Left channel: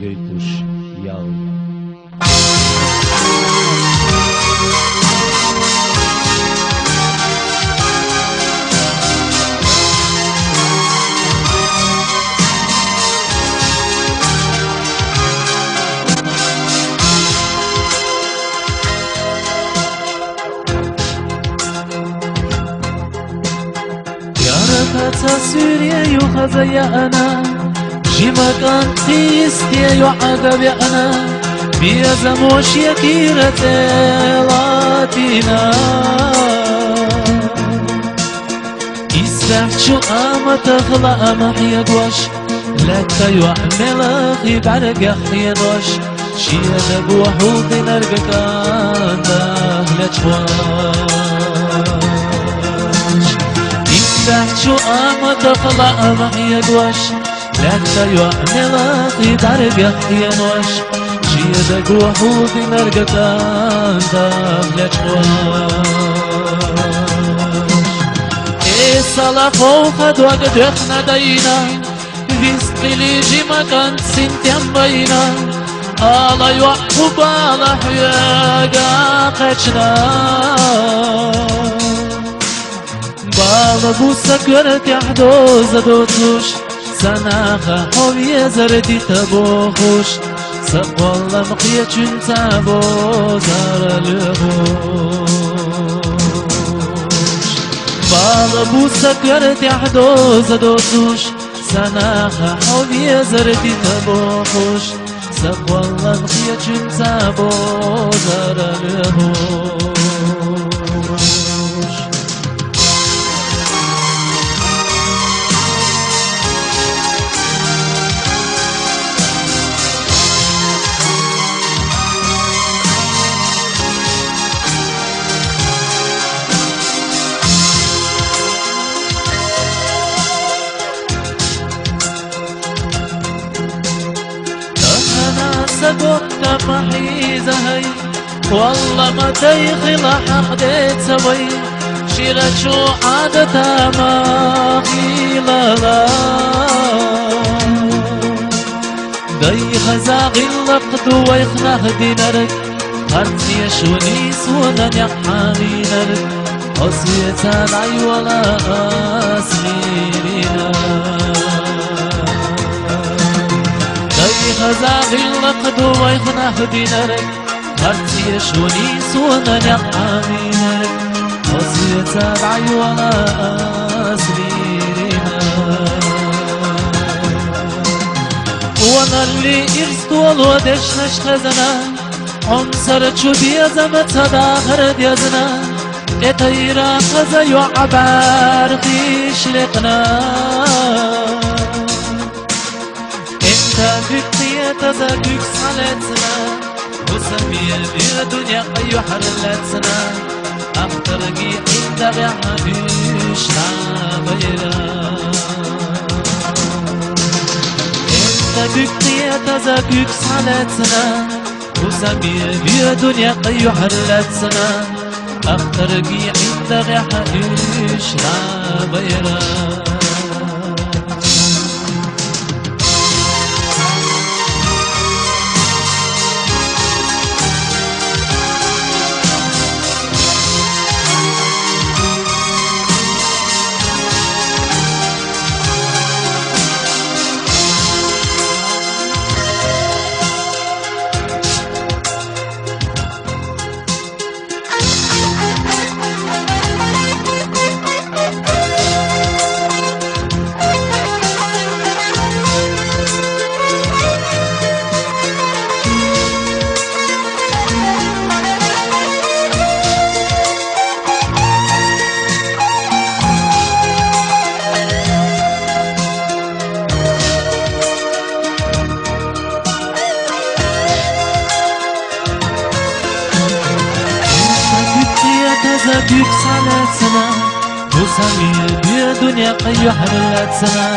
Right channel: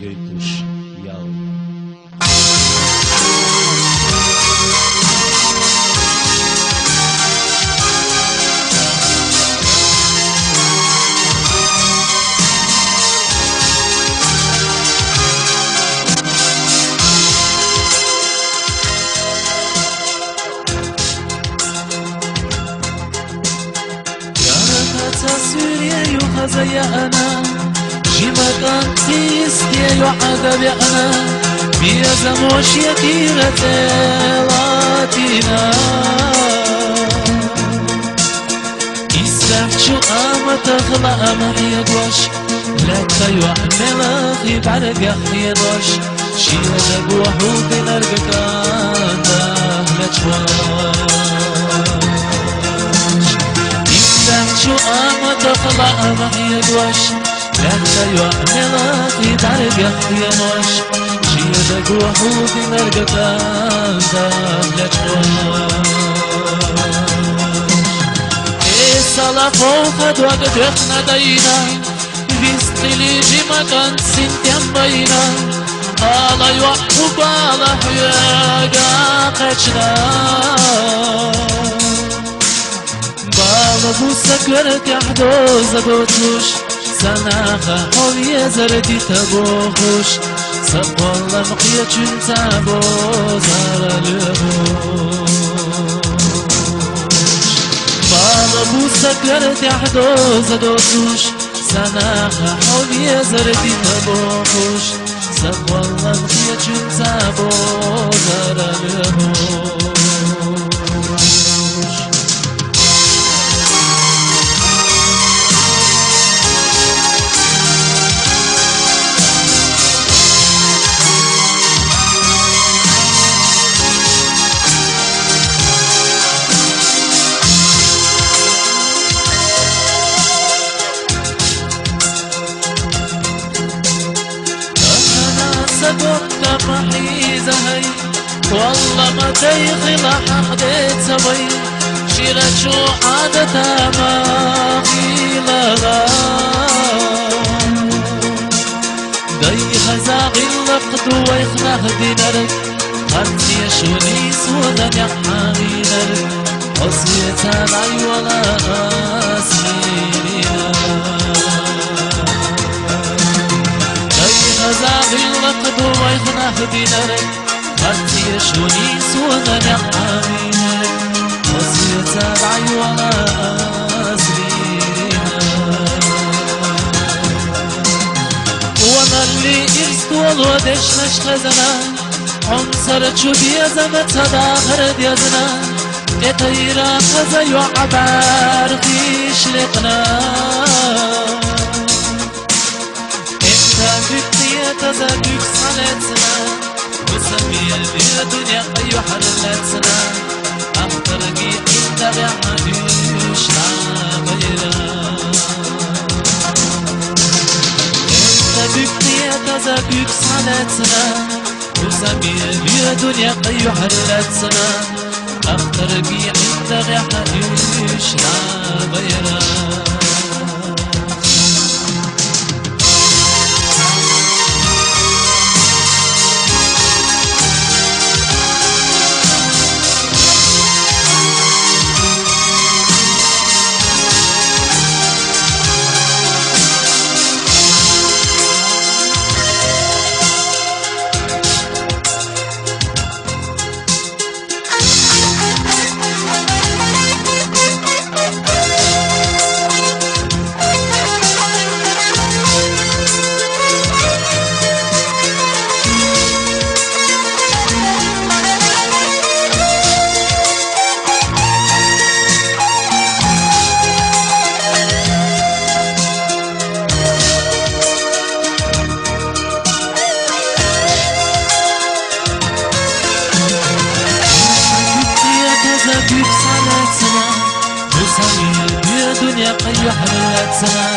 جيتوش ياو تا سوريا يخزي أنا جيما كان تيستي يعذب أنا بيزموش يكيرة لاتينا يسبح شو أما تخلق محيا دوش لك يعمل أخي بعرق يدوش شيا دبوحو بنرقك أنا لجواش شو أما تخلق معي دوش لك يعمل أخي بعرق يدوش شيا دبوحو بنرقك أنا لجواش صلا فوق دوك دخنا دينا بيستلي جيما كان سنتين بينا الله يوحب على حياقا قجنا بالا بوسك ورد يحدو زدوتوش سناخا حوية زردي تبوخوش سب والله مقيا چون تابو زار لغوش بالا بوسك ورد يحدو زدوتوش سناخا حوية زردي تبوخوش سب والله مقيا چون تابو زار لغوش قلت محيزة هي والله ما تيخل حقدت سوي شيرة شو عادتها ما قيلة لا دي خزاغي اللقد ويخنه دينرك خرتي شوني سودا يحامي نرك قصية العي ولا أسمينا خزاغي اللقد ويخنه دينرك خرتي شوني سونا نعامينك وصية العي ولا أسرينا وانا اللي إرست والودش نشخزنا عنصرت شو بيزمت هداخر ديزنا اتيرا خزا يعبار في شلقنا بقية تزاقك صلاتنا وسمية بالدنيا أي حرلاتنا أخترقي إنت بعديش عبيرا إنت بقية تزاقك صلاتنا وسمية بالدنيا أي حرلاتنا أخترقي إنت بعديش عبيرا büyük sanatına bu samimi bir dünya kayıyor hayatına.